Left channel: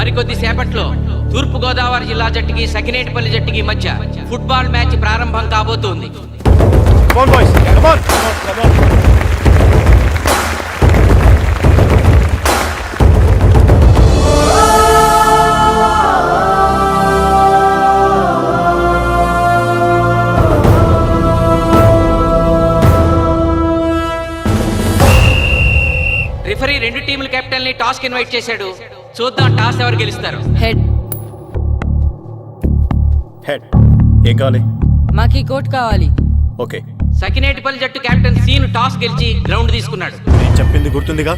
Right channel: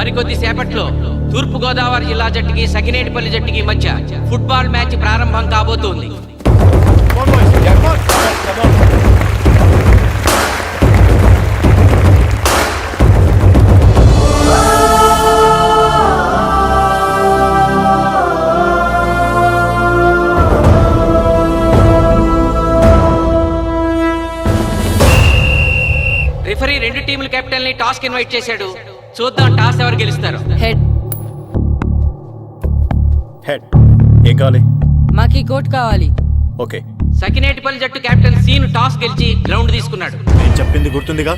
మరికొద్ది సేపట్లో తూర్పుగోదావరి జిల్లా జట్టుకి సకినేటిపల్లి జట్టుకి మధ్య ఫుట్బాల్ మ్యాచ్ ప్రారంభం కాబోతోంది. రిఫరీ రెండు టీముల కెప్టెన్ ని టాస్ కి ఇన్వైట్ చేశాడు. చూద్దాం టాస్ ఎవరు గెలుస్తారు. హెడ్. హెడ్. ఏం కావాలి? మాకి కోట్ కావాలి. ఓకే. సకినేటిపల్లి జట్టు కెప్టెన్ సీను టాస్ గెలిచి గ్రౌండ్ తీసుకున్నాడు. నేను చెప్పింది గుర్తుందిగా,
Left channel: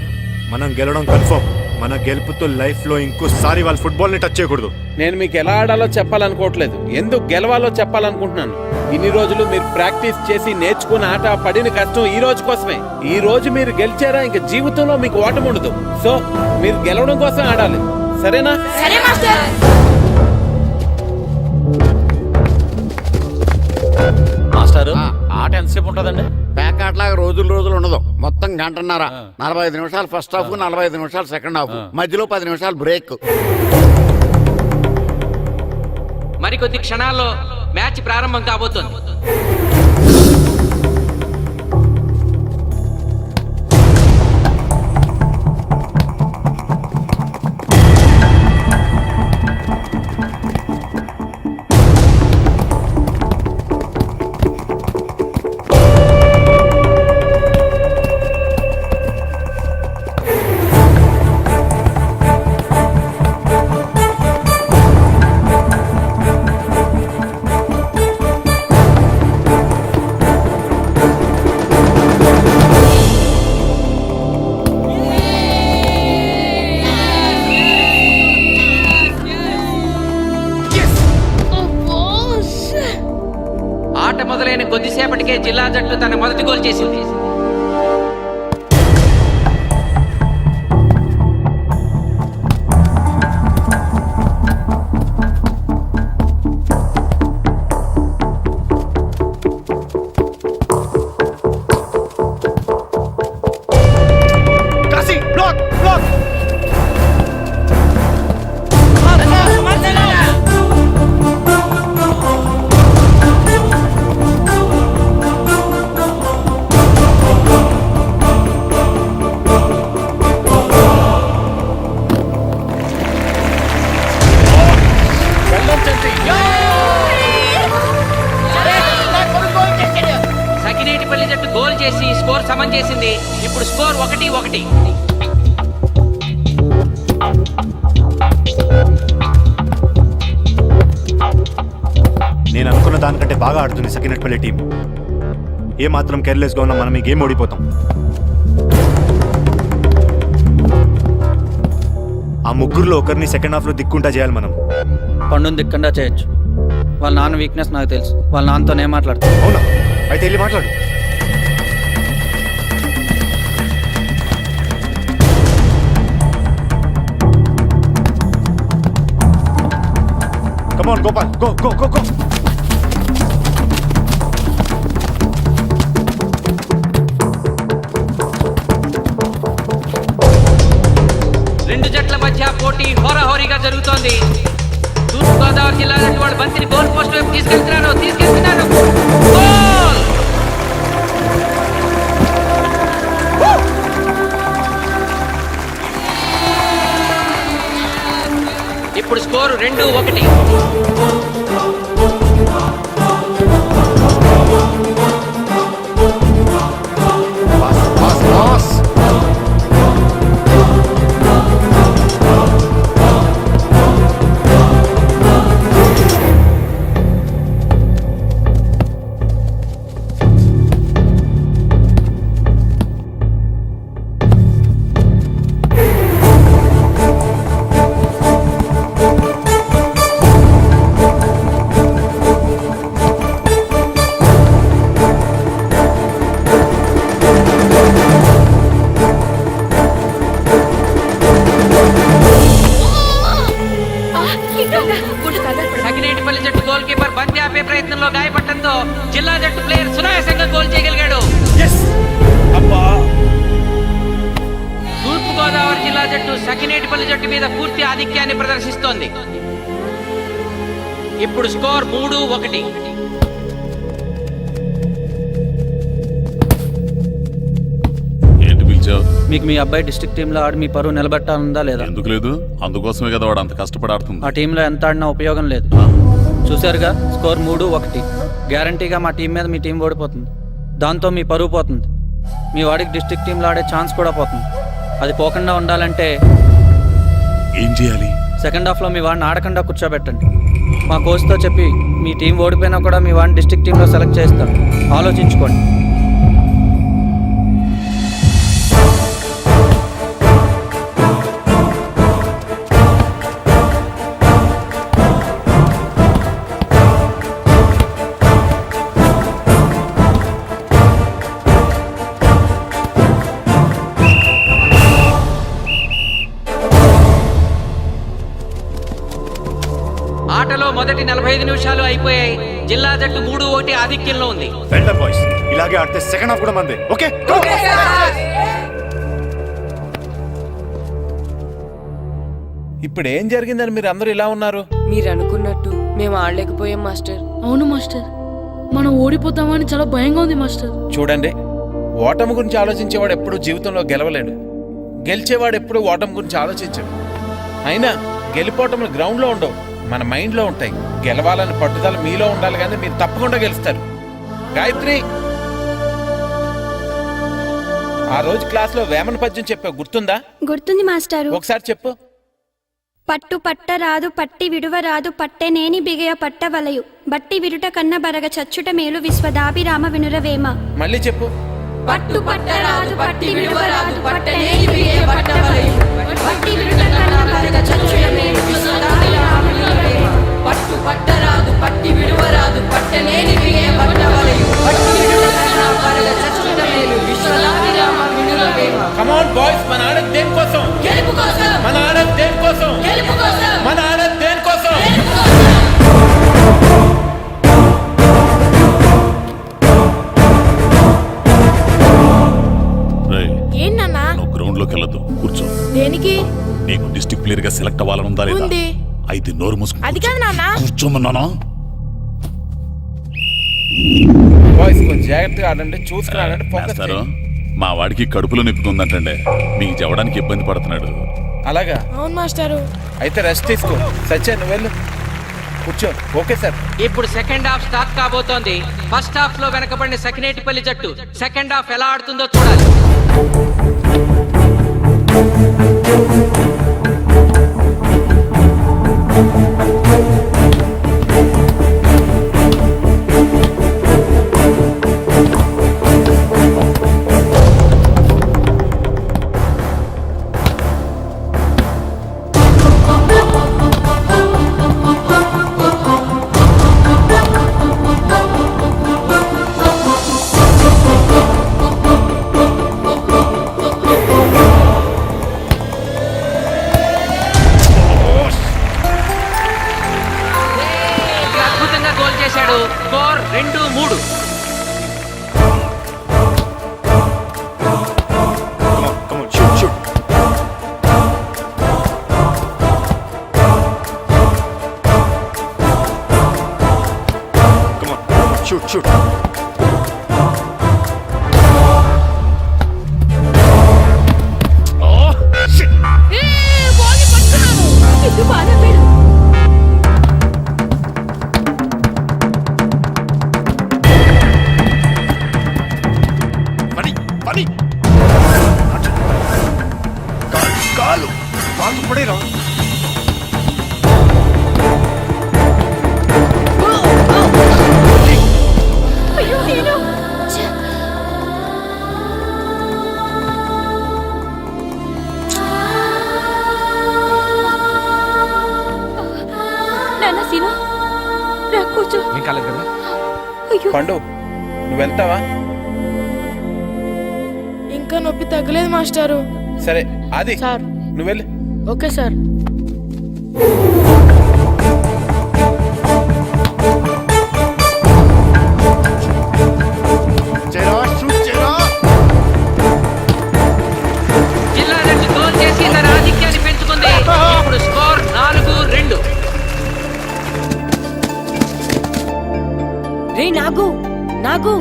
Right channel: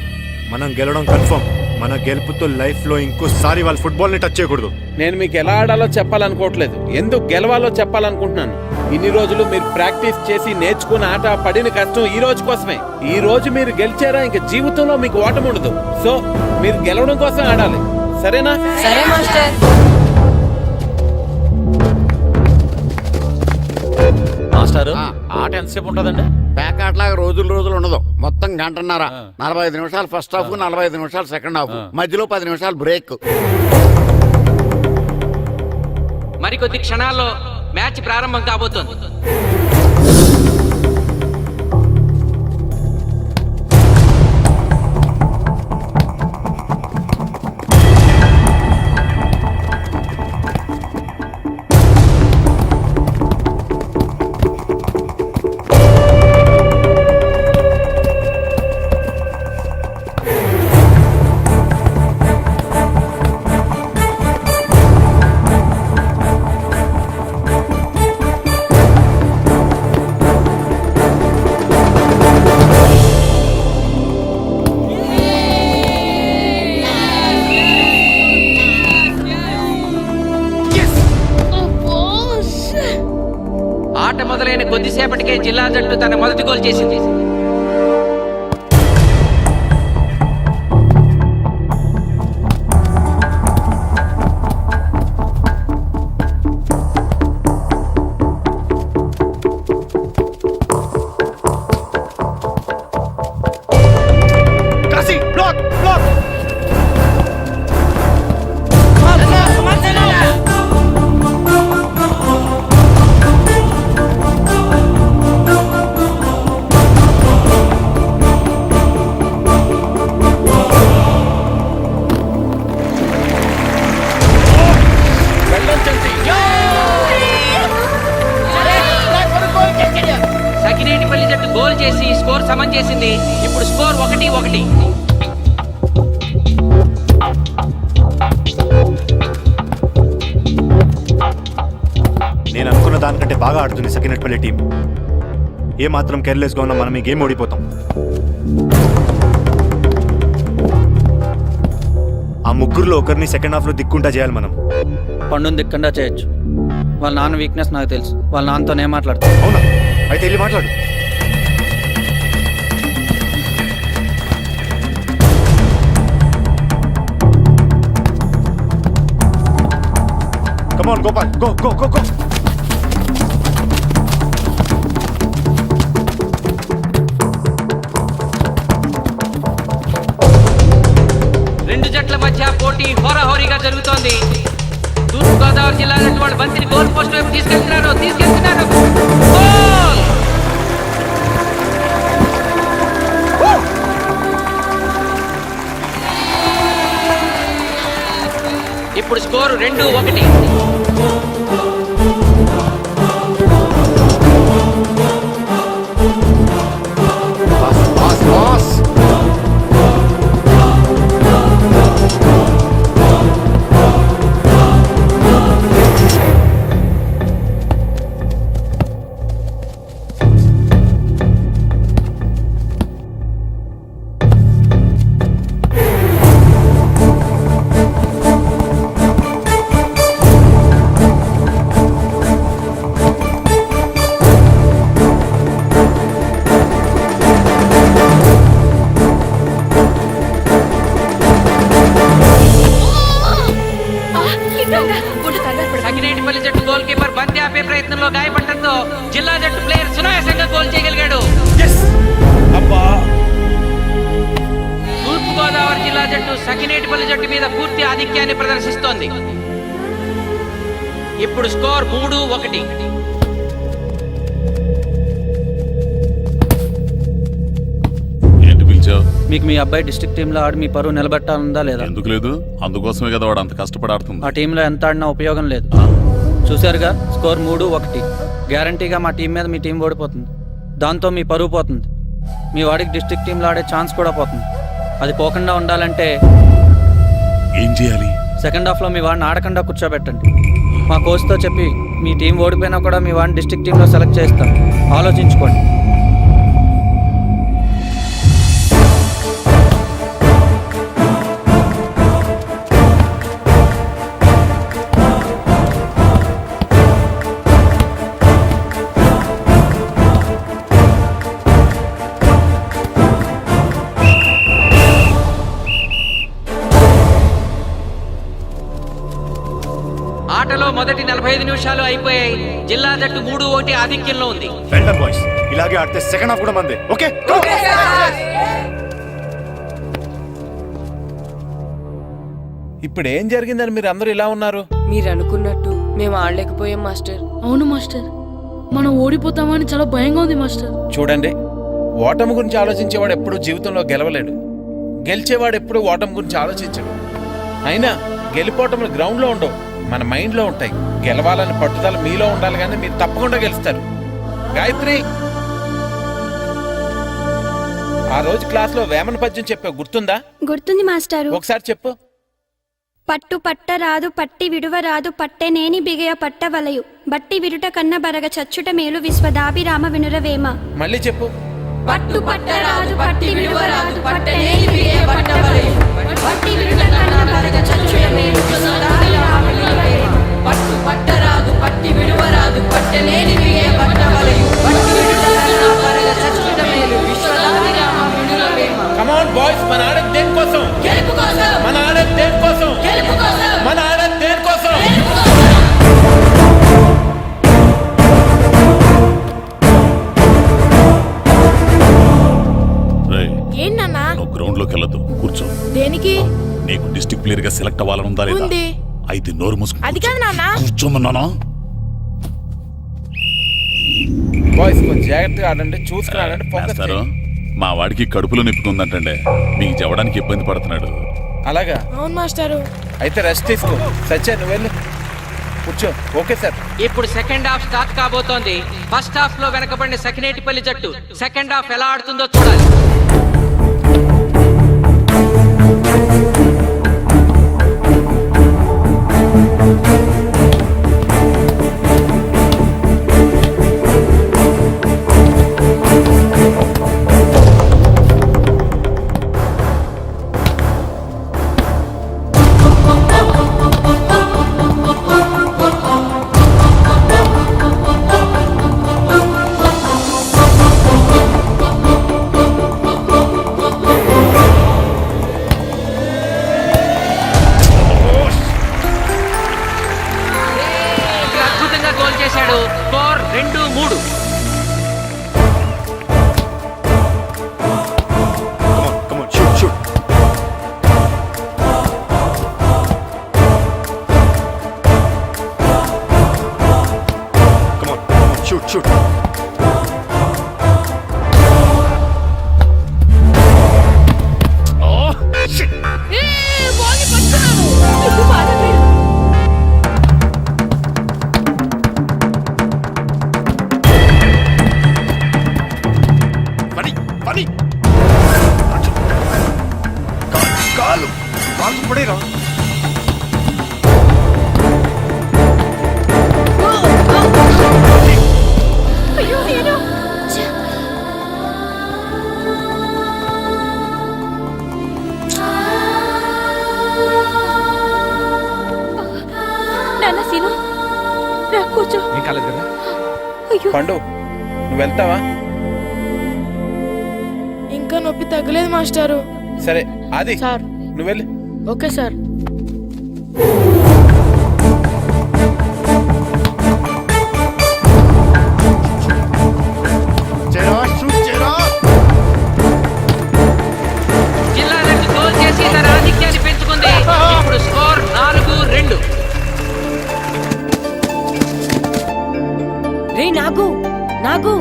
మనం గెలవడం కన్ఫర్మ్. మన గెలుపుతో లైఫ్ లో ఇంకోసారి వాళ్ళ ఫుట్బాల్ ని టచ్ చేయకూడదు. నేను మీకు ఎలా ఆడాలో చెప్పాలనుకోవట్లేదు, ఎందుకు గెలవాలో చెప్పాలనుకుంటున్నాను. ఇన్ని రోజులు మీరు ప్రాక్టీస్ చేసి నేర్చుకున్న ఆట పడిన కష్టం ఈ రోజు కోసమే. ఈ రోజు మీరు గెలిచారా ఇంక జీవితంలో మీకు ఓటమి ఉండదు. సో మీరు గెలవడం కోసం ఆడాలి, సరేనా? మాస్టారు, ఆట ఎంతసేపు ఉంటుందండి? పేకాట్లాగా రోజులు ఉండదు. మొత్తం గంటన్నర. 45 నిమిషాలు ఫస్ట్ హాఫ్, 45 నిమిషాలు సెకండ్ హాఫ్, మధ్యలో 10 నిమిషాలు బ్రేక్. మరికొద్ది క్షణాల్లో మ్యాచ్ ప్రారంభం కాబోతోంది. ఆట మొదలైన కొద్దిసేపటికే జిల్లా జట్టు తన మొదటి గోల్ చేసింది. సకినేటిపల్లి జట్టు గోల్ చేసి స్కోర్ సమం చేసింది. ఇప్పుడు స్కోర్ 1-1. నేను అనుకున్న దానికంటే బాగా ఆడుతుంది సకినేటిపల్లి టీం. ఏ మాత్రం కేర్లెస్ గా ఉన్నా మనం ఈ గేమ్ ఓడిపోతాం. ఆ ముగ్గురులో ఒకరిని సెకండ్ హాఫ్ లో దిక్కుంటా చేయాలి మనం. పండుని దిక్కుండా చేయొచ్చు. వాళ్ళ నాన్న వీక్నెస్ నాకు తెలుసు. వాళ్ళ నాన్నతోనే మాట్లాడతాను. అవునా? అయితే వెళ్ళి మాట్లాడు. Come on, Gopal. Go. రెండు జట్ల మధ్య పోటీ హోరాహోరీగా జరుగుతోంది. తూర్పుగోదావరి జిల్లా జట్టు వాళ్ళు బంతిని గోల్ పోస్ట్ వైపు తీసుకెళ్తున్నారు. గోల్! ఇప్పుడు స్కోరు 2-1. పాస్. సకినేటిపల్లి జట్టు గోల్ కీపర్ బంతి ఆపే ప్రయత్నంలో గాయపడటంతో జిల్లా జట్టు ప్లేయర్ సునాయాసంగా గోల్ చేయగలిగాడు. తూర్పుగోదావరి జిల్లా జట్టు సకినేటిపల్లి జట్టు మీద పూర్తి ఆధిక్యాన్ని ప్రదర్శిస్తోంది. ఇప్పుడు స్కోర్ 3-1. ఏంటి పిలిచావు? మీకు మీ అబ్బాయి డిస్ట్రిక్ట్ టీంలో ఆడి మీ పరువు నిలబెట్టాలందా లేదా? ఎందుకు లేదు? అందుకోసమే కదా వాడు అంత కష్టపడి ఆడుతుంది. ఆ టీంలో ఎంత ఆడినా ఉపయోగం లేదు. చూశారుగా, స్కోర్ 3-1. గ్యారంటీగా మా టీం మీద మీ టీం ఓడిపోతుంది. దాంతో మీ పరువు పోతుంది. మీ వాడికి డిస్ట్రిక్ట్ టీంలో ఆడే ఛాన్స్ కూడా పోతుంది. అది పోకుండా ఉండాలంటే ఏం చేయాలి? సెకండ్ హాఫ్లో మీ వాడిని ఆడకుండా కూర్చోబెట్టండి. మా కోచ్తో చెప్పి మీ టీం ఓడిపోయినా కూడా మీ వాడిని డిస్ట్రిక్ట్ టీంలో సెలెక్ట్ చేస్తాను. ఆలోచించుకోండి. ఆటలో మొదటి 45 నిమిషాలు అయిపోయాయి. జిల్లా జట్టు 3-1 ఆధిక్యంలో ఉంది. వెల్డన్ బాయ్స్, ఇలాగే ఆడితే సెకండ్ హాఫ్ కూడా మందే. ఓకే, ఇప్పుడు ఏం జరిగిందని మీరు అందరూ ఇలా ఉన్నారు? మీరు అనుకున్నట్టు మేము ఆడలేకపోయాం మాస్టర్. అవును మాస్టర్, మనం ఓడిపోతామని చాలా భయంగా ఉంది మాస్టర్. చూడండి, ఓటమి గురించి ఆలోచించేవాడు ఎప్పుడు జీవితంలో గెలవలేడు. గెలిచేవాడు ఎప్పుడు ఓటమి గురించి ఆలోచించడు. అయినా గెలిపోవటంలో గ్రౌండ్లో ఉండవు, మన మైండ్లో ఉంటాయి. గెలవాలని పట్టుదల మీలో ఉండాలి, కానీ మీరు తప్పకుండా గెలుస్తారు. గాయత్రి, ఆ రోజు క్లాస్లో వేమన పద్యం చెప్పావు, గుర్తుందా? గుర్తుంది మాస్టారు. ఒకసారి చెప్పు. పట్టు పట్టరాదు పట్టి విడువరాదు పట్టెనేని బిగయ పట్టవలయు బట్టి విరుట కన్న బరగ చచ్చుట మేలు విశ్వదాభిరామ వినురవేమ. మళ్ళీ చెప్పు. పట్టు పట్టరాదు పట్టి విడువరాదు పట్టనేని బిగే పట్టవలయు బట్టి విరుట కన్న బరగ చచ్చుట మేలు విశ్వదాభిరామ వినురవేమ. పట్టు పట్టరాదు పట్టి విడువరాదు పట్టనేని బిగే పట్టవలయు బట్టి విరుట కన్న బరగ చచ్చుట మేలు విశ్వదాభిరామ వినురవేమ. కమ్ ఆన్ బాయ్స్, మన ఆడేది దేనికోసం? గెలుపు కోసం. మన ఆడేది దేనికోసం? గెలుపు కోసం. మన ఆడేది దేనికోసం? గెలుపు కోసం. ఏంటన్నా? నువ్వు గ్రౌండ్ లోకి వెళ్ళదు, కూర్చో. దేనికి? నీకు డిస్ట్రిక్ట్ ప్లేయర్ గా సెలెక్ట్ అవ్వాలనుందా లేదా? ఉంది. అయితే నోరు మూసుకుని అది కాదు నాన్న. కూర్చోమన్నానా? బాయ్స్ కొంచెం జాగ్రత్తగా ఆడండి, చూసుకుని ఆడండి, ఫోకస్ మాస్టారు, చేయండి. మా వాడికి కడుపులో నొప్పిగా ఉందంటండే, మీకు చెప్పడానికి ఇబ్బంది పడుతున్నాడు. అలాగా? అవును మాస్టారు. అయితే రెస్ట్ తీసుకో. సత్య, నువ్వు వెళ్ళు, కూర్చో. Okay sir. ఇప్పుడు సెకండ్ హాఫ్ స్టార్ట్ కాబోతోంది. ఫస్ట్ హాఫ్ లో వెనకబడిన సకినేటిపల్లి జట్టు సెకండ్ హాఫ్ ఎలా ఆడుతుందో చూడాలి. అద్భుతంగా గోల్ చేశాడు. Score 2-3. come on, shoot. Come on, shoot. Oh, shit. ఇది బాధపడు. పని కాలు పడేరా. అయ్యో నేను నాన్న సీను రా కూర్చో. ఏం కాలేదు కదా? అయ్యో పండు, నువ్వు వెళ్తావా? ఇంకా నొప్పి తగ్గలేదు మాస్టారు. సరే ఆది, సార్. నువ్వు వెళ్ళు. Okay sir. shoot. జిల్లా జట్టు గోల్ చేసి తన ఆధిక్యాన్ని నాగు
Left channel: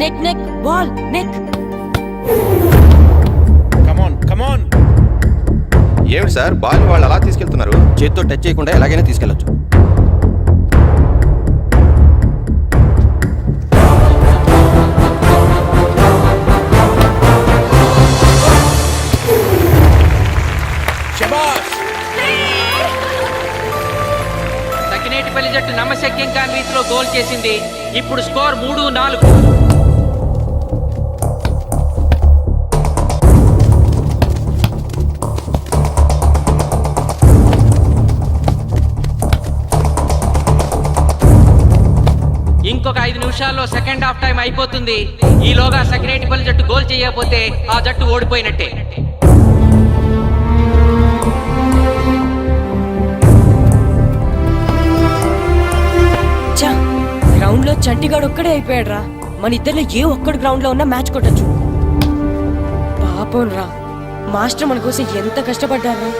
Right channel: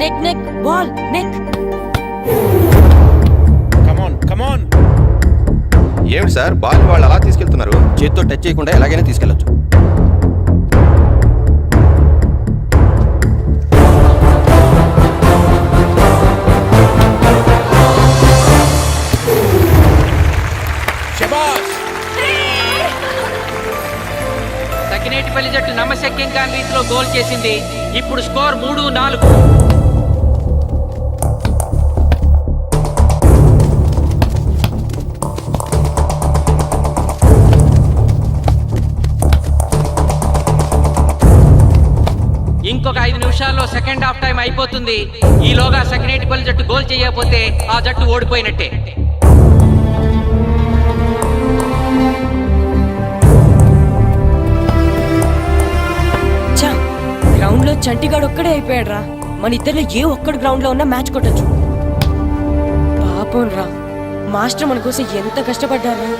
నెక్ నెక్ బాల్ నెక్. కమాన్ కమాన్. ఏమిటి సార్ బాల్ వాళ్ళు అలా తీసుకెళ్తున్నారు? చేతితో టచ్ చేయకుండా ఎలాగైనా తీసుకెళ్లొచ్చు. శబాష్. సకినేటిపల్లి జట్టు నమ్మశక్యం కాని రీతిలో గోల్ చేసింది. ఇప్పుడు స్కోర్ 3-4. ఇంకొక 5 నిమిషాల్లో సెకండ్ హాఫ్ టైం అయిపోతుంది. ఈలోగా సకినేటిపల్లి జట్టు గోల్ చేయకపోతే ఆ జట్టు ఓడిపోయినట్టే. గ్రౌండ్ లో చంటిగాడు ఒక్కడే అయిపోయాడు రా. మన ఇద్దరిలో ఏ ఒక్కడు గ్రౌండ్ లో ఉన్నా మ్యాచ్ కొట్టచ్చు. పాపం రా, మాస్టర్ మన కోసం ఎంత కష్టపడ్డారా.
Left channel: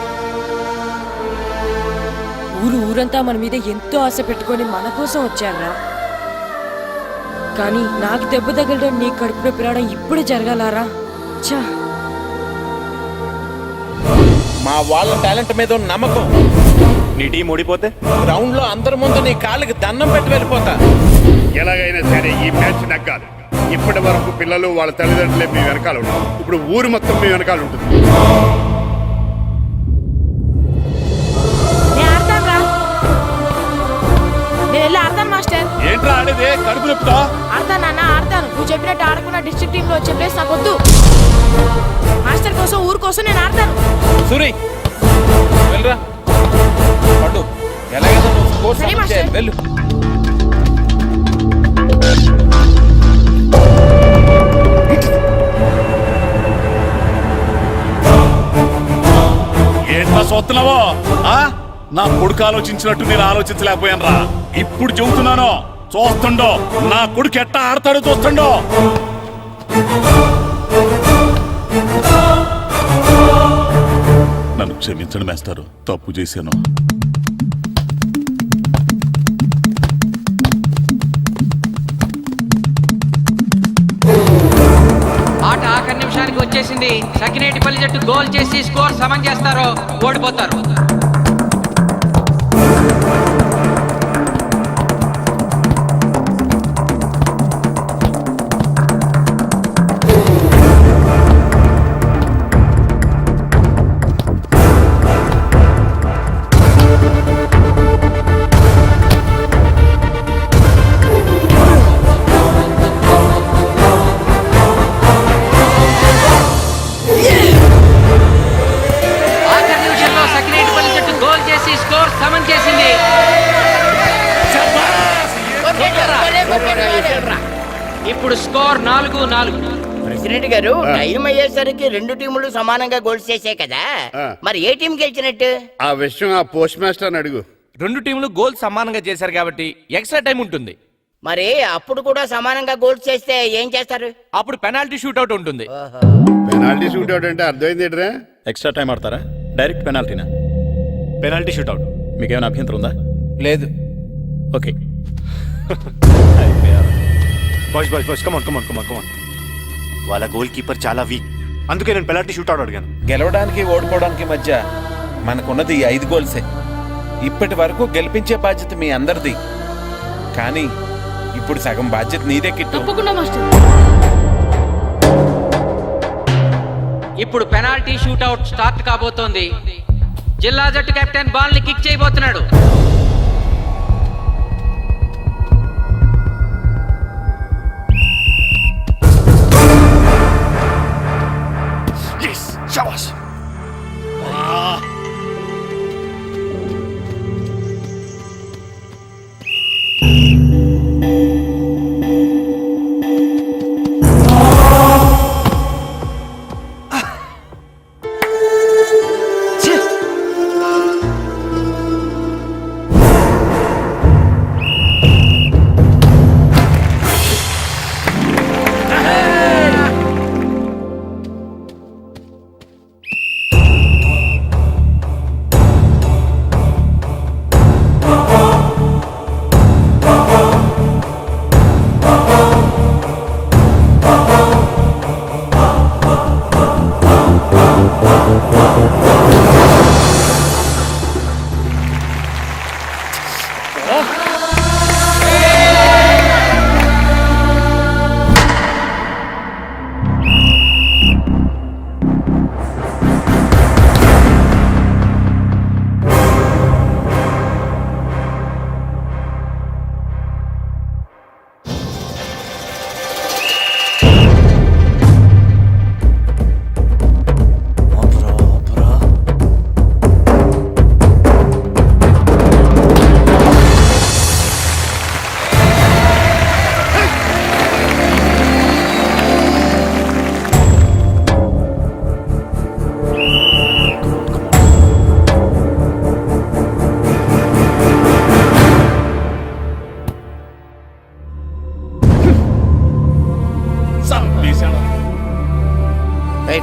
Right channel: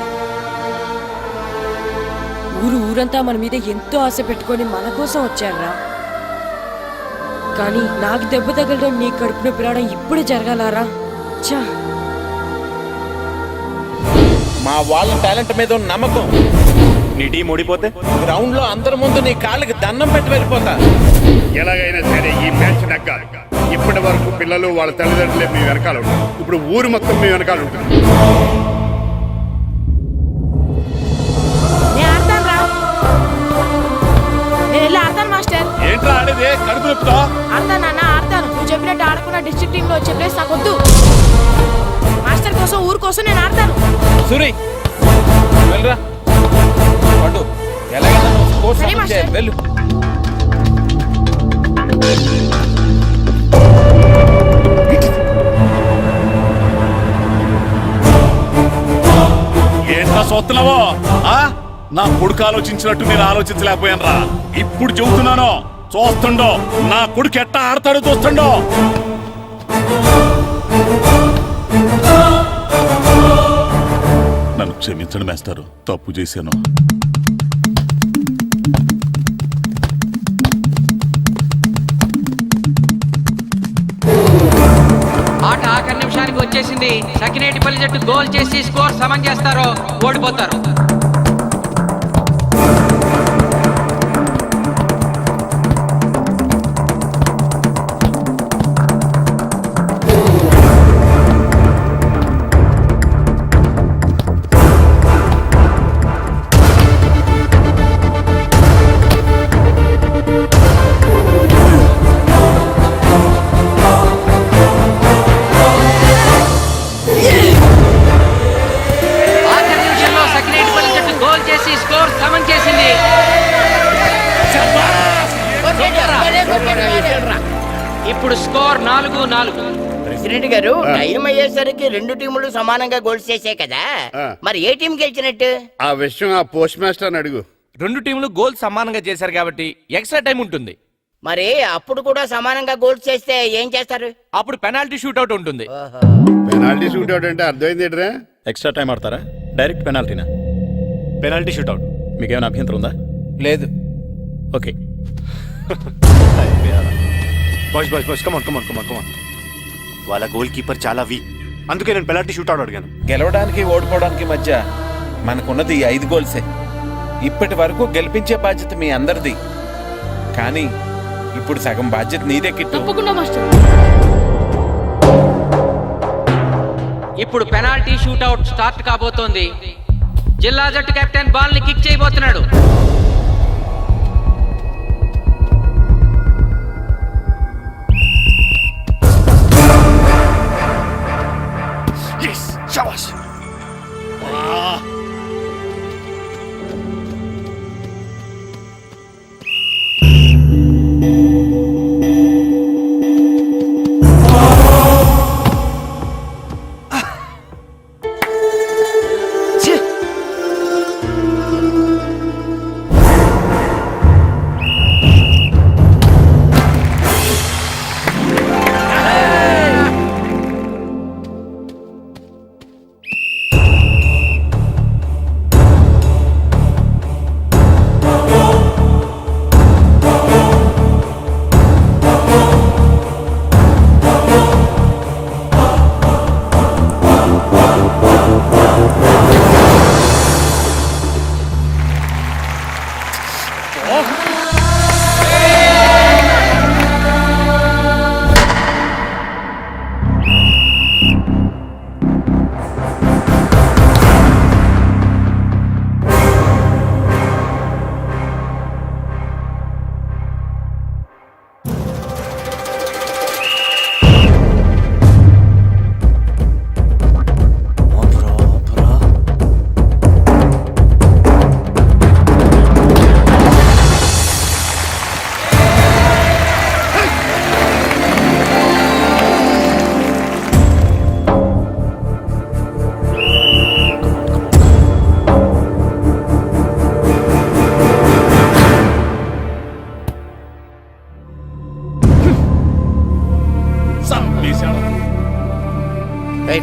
ఊరంతా మన మీద ఎంతో ఆశ పెట్టుకొని మన కోసం వచ్చారా. కానీ నాకు దెబ్బ తగలడం, నీ కడుపున పిలవడం ఇప్పుడే జరగాలారా. చా, మా వాళ్ళ టాలెంట్ మీద ఉన్న నమ్మకం. నీ టీం ఓడిపోతే గ్రౌండ్ లో అందరి ముందు నీ కాళ్ళకి దండం పెట్టి వెళ్ళిపోతా. ఎలాగైనా సరే ఈ మ్యాచ్ నగ్గాలి. ఇప్పటి వరకు పిల్లలు వాళ్ళ తల్లిదండ్రులే మీ వెనకాల ఉంటారు. ఇప్పుడు ఊరు మొత్తం మీ వెనకాల ఉంటుంది. నేను వెళ్ళి ఆడతాను మాస్టర్. ఏంట్రా ఆడేది? కడుపు నొప్పుతో ఆడతాను నాన్న, ఆడతాను. నువ్వు చెప్పినట్టు ఆడుకున్న డిస్ట్రిక్ట్ టీమ్ లో వచ్చే ప్లేస్ నాకు వద్దు. మాస్టర్ కోసం, ఊరు కోసం నేను ఆడతాను. సూరి వెళ్ళరా. పండు ఎలాగైనా నువ్వు స్కోర్ సరే సమన్ మాస్టర్. చేయాలి. వెళ్ళు. ఏంట్రా చూస్తున్నావో? నా కొడుకు ఆలోచించినట్టు నేను ఆలోచించలేకపోయాను రా. ఇప్పుడు చెబుతున్నాను, చూస్తుండో నా కొడుకు ఎట్టా ఆడతాడో చూస్తుండో. నన్ను క్షమించండి మేస్తారు, తప్పు చేశాను. ఆట ఆఖరి నిమిషానికి వచ్చేసింది. సకినేటిపల్లి జట్టు గోల్ చేసి స్కోర్ సమం చేస్తారో ఓడిపోతారు. స్కోర్ సమన్ చేసింది. ఇప్పుడు స్కోర్ 4-4. ప్రెసిడెంట్ గారు, టైం అయ్యేసరికి రెండు టీములు సమానంగా గోల్స్ చేసే కదా, మరి ఏ టీం గెలిచినట్టు? ఆ విషయం ఆ పోస్ట్ మాస్టర్ అడుగు. రెండు టీంలు గోల్ సమానంగా చేశారు కాబట్టి ఎక్స్ట్రా టైం ఉంటుంది. మరి అప్పుడు కూడా సమానంగా గోల్స్ చేస్తే ఏం చేస్తారు? అప్పుడు పెనాల్టీ షూట్అవుట్ ఉంటుంది. పెనాల్టీ షూట్అవుట్ అంటే అర్థమైంది ఏంట్రా? ఎక్స్ట్రా టైం ఆడతారా, డైరెక్ట్ పెనాల్టీనా? Penalty shootout. మీకేమైనా అభ్యంతరం ఉందా? లేదు. ఓకే. Boys come on. వాళ్ళ గోల్ కీపర్ చాలా వీక్, అందుకే నేను పెనాల్టీ షూట్అవుట్ అడిగాను. గెలవడానికి ఓడిపోవడానికి మధ్య మనకున్నది ఈ 5 గోల్సే. ఇప్పటి వరకు గెలిపించే బాధ్యత మీ అందరిది, కానీ ఇప్పుడు సగం బాధ్యత నీదే కిట్టు. తప్పకుండా మాస్టర్. ఇప్పుడు పెనాల్టీ షూట్అవుట్ స్టార్ట్ కాబోతోంది. జిల్లా జట్టు కెప్టెన్ బాల్ ని కిక్ చేయబోతున్నాడు.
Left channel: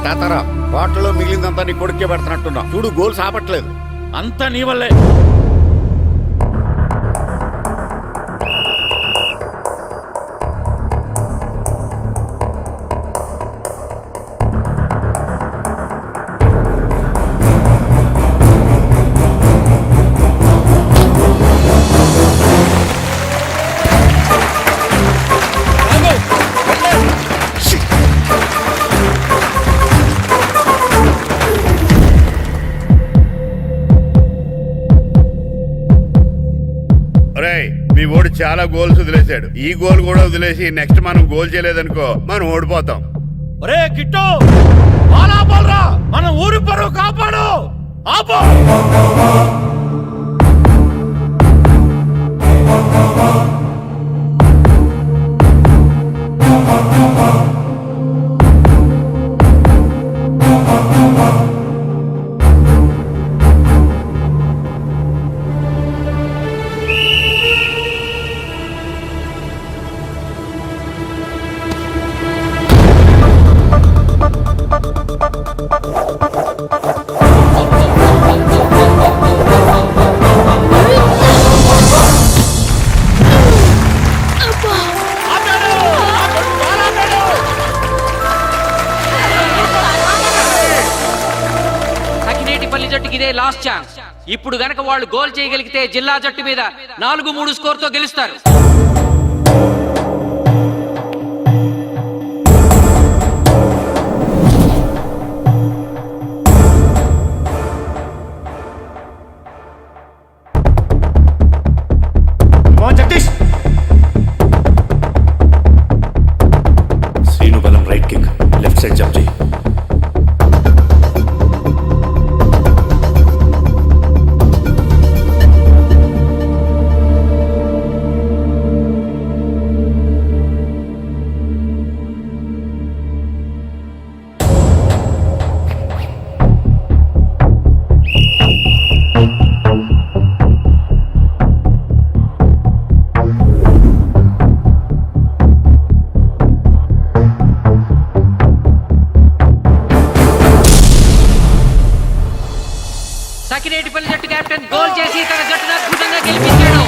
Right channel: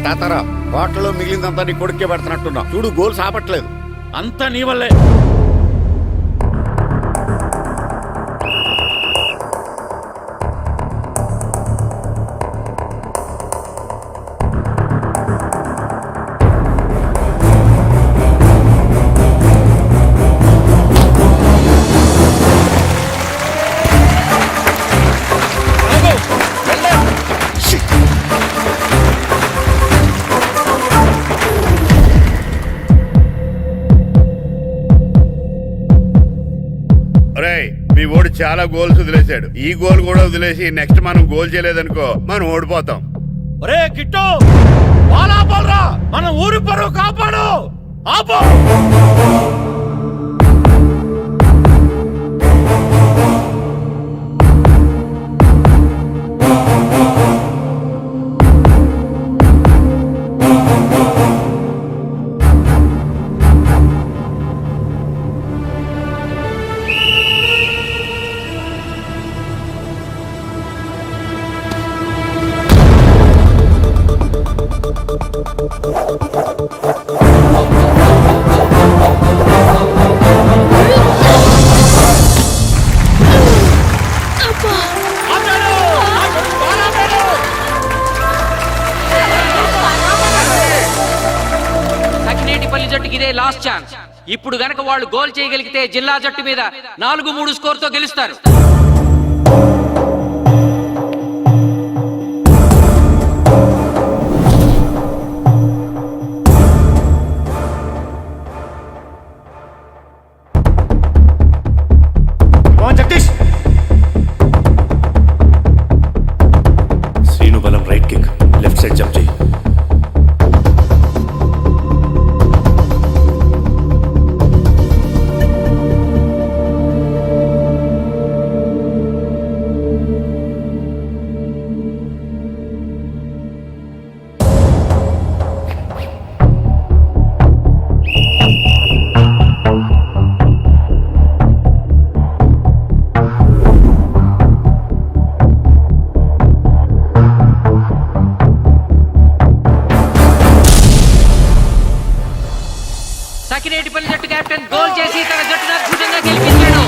తాతారా హోటల్లో మిగిలిందంతా నీ కొడుకే పెడుతున్నట్టున్నావు చూడు గోల్స్ ఆపట్లేదు. అంతా నీ వల్లే. మీ ఓడి చాలా గోల్స్ వదిలేశాడు. ఈ గోల్ కూడా వదిలేసి నెక్స్ట్ మనం గోల్ చేయలేదనుకో మనం ఓడిపోతాం. ఒరే కిట్టు బాల్ ఆపాలరా, మన ఊరి పరువు కాపాడు. ఆపో. సకినేటిపల్లి జట్టుకి ఇదే లాస్ట్ ఛాన్స్. ఇప్పుడు గనక వాళ్ళు గోల్ చేయగలిగితే జిల్లా జట్టు మీద 4-3 స్కోర్తో గెలుస్తారు. జగదీష్, శ్రీను బలం right kick, left side jump చేయి. సకినేటిపల్లి జట్టు కెప్టెన్ గోల్ చేసి తన జట్టును అద్భుతంగా గెలిపించాడు.